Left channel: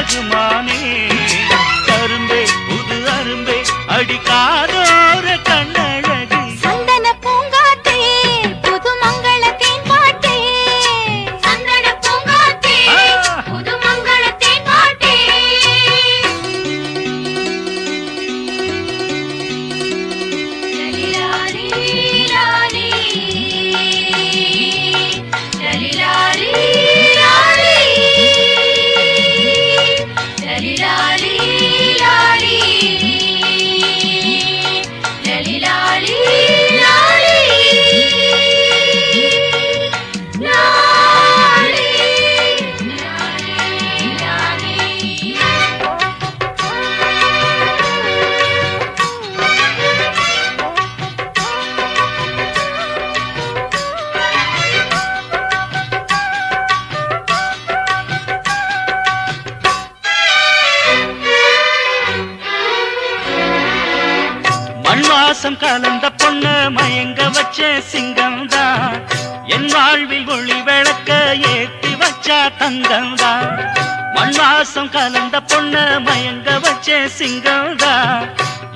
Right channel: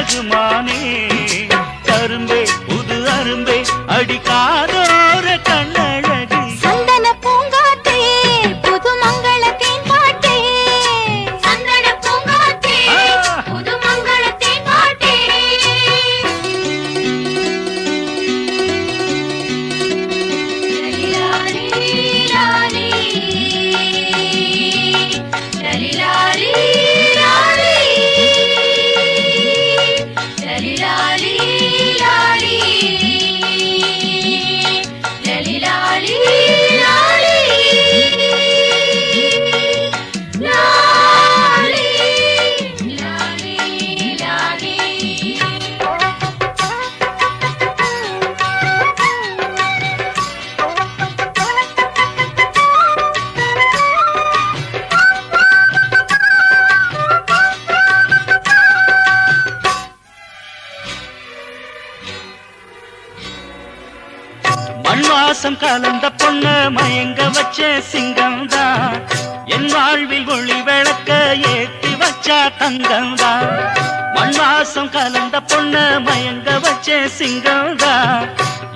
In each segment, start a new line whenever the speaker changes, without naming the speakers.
ரகுமானே கரும்பே புது அரும்பே அடிக்காதோர
கண்ண.
மண் வாசம் கலந்த பொண்ண மயங்க வச்ச சிங்கம் தான் என் வாழ்வில் ஒளி விளக்க ஏத்தி வச்ச தங்கம் தான் மண் வாசம் கலந்த பொண்ண மயங்க வச்ச சிங்கம் தான்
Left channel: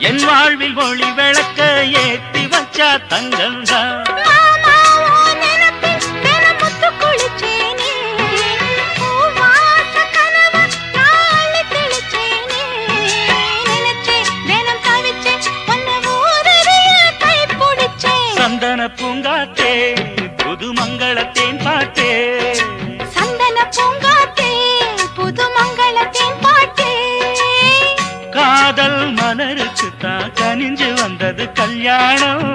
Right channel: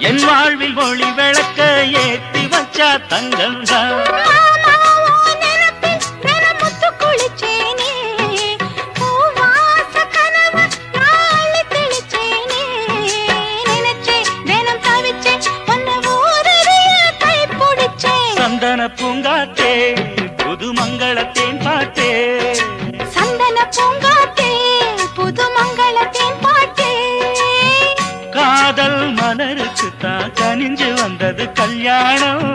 என் வாழ்வில் ஒளி விளக்க ஏத்தி வச்ச தங்கம் தான் சந்தன பூங்காத்தே புது மங்களத்தேன் பாட்டே
புது மங்களத்தின் பாட்டே
காதல் மலருக்கு தான் கனிஞ்சு வந்தது கல்யாணம்.